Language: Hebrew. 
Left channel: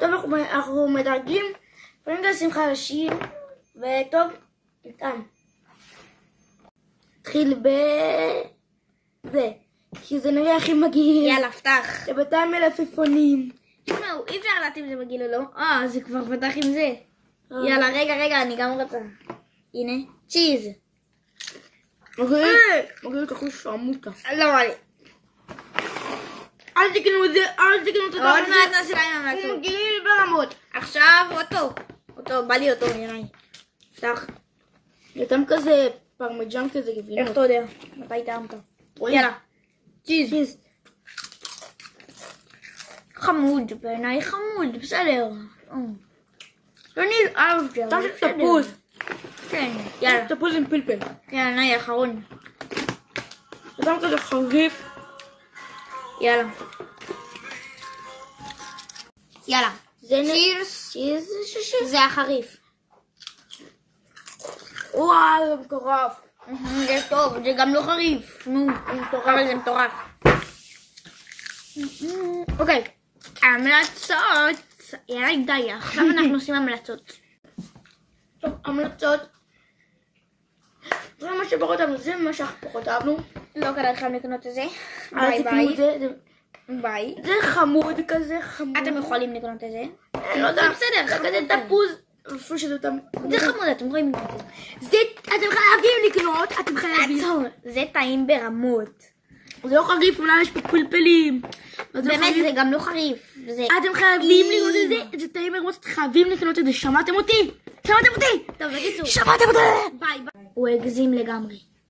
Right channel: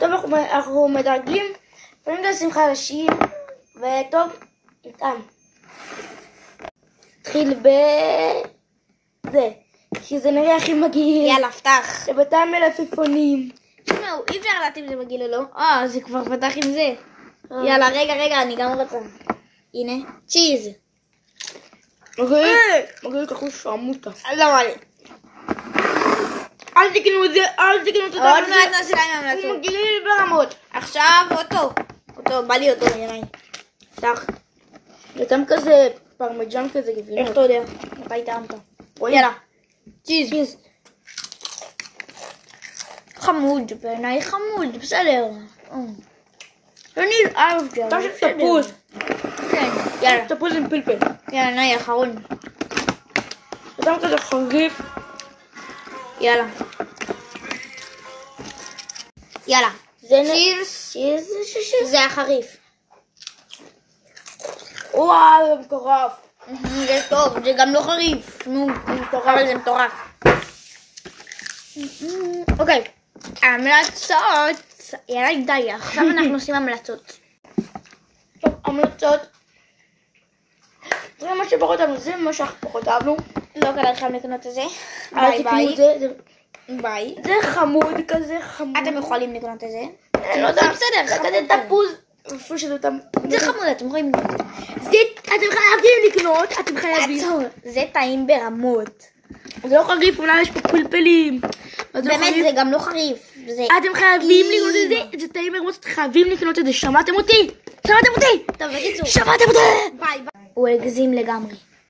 טוב, אנחנו מדרגים, קודם כל שים חלשים, וטוב, נטעם. נתחיל בזה, כי זה נראה הכי מגעיל. יאללה, פתח. שבינתיים מלפפונים. תשמעו, אי אפשר לדעת אם זה מגעיל או לא. זה כבר פתח עם זה. יאללה, רגע, אני גם רוצה. הנה, צ'יז. מגעיל את אחוז שרמוטה. לא מה לי. אל תקנו את זה, אל תקנו את זה. עוד מעט נעשה להם המלצות. הוא מגעיל ברמות. עכשיו אותו, בא לי אותו נראה. פתח. נתם כזה פרמיג'ן כזה גבינות. איך אתה יודע? מתי טעמת? יאללה. צ'יז. חמוד, בעיניי חמוד, בסדר. לא נלעב גם. אתה של תפוז. כן, יאללה. תפוז עם פלפל. יאללה, נאי, אחרון. נתם כזה חריף. יאללה. יאללה. צ'יז. זה החריף. וואו, זה מטורף. זה טוב, זה גם לא חריף. אבל זה מטורף. אוקיי. המלצות. יאללה, די, עכשיו אנחנו עושים המלצות. טוב, המלצות. זה מה שפחות אהבנו, זה מה שאנחנו פחות אהבנו. לא כדאי לכם לקנות את זה. אל תקנו את זה. ביי. זה חמוד כזה, חמוד. אתם יכולים לקנות את זה. לא יודע, בסדר, זה כזה תפוז. איפה שזה זה חמוד, אתם יכולים לקנות את זה. אתם חייבים לקנות, אתם חייבים. עצור, זה טעים ברמות. זה לא חריף, אולי יש פה פלפלים. באמת, זה גם לא חריף. אתם חייבים לקנות את זה, זה טעים ברמות, אתם חייבים לקנות את זה. שמעתם אותי? טוב, בקיצור. שמעתם אותי? ביי. הוא הגזים לגמרי.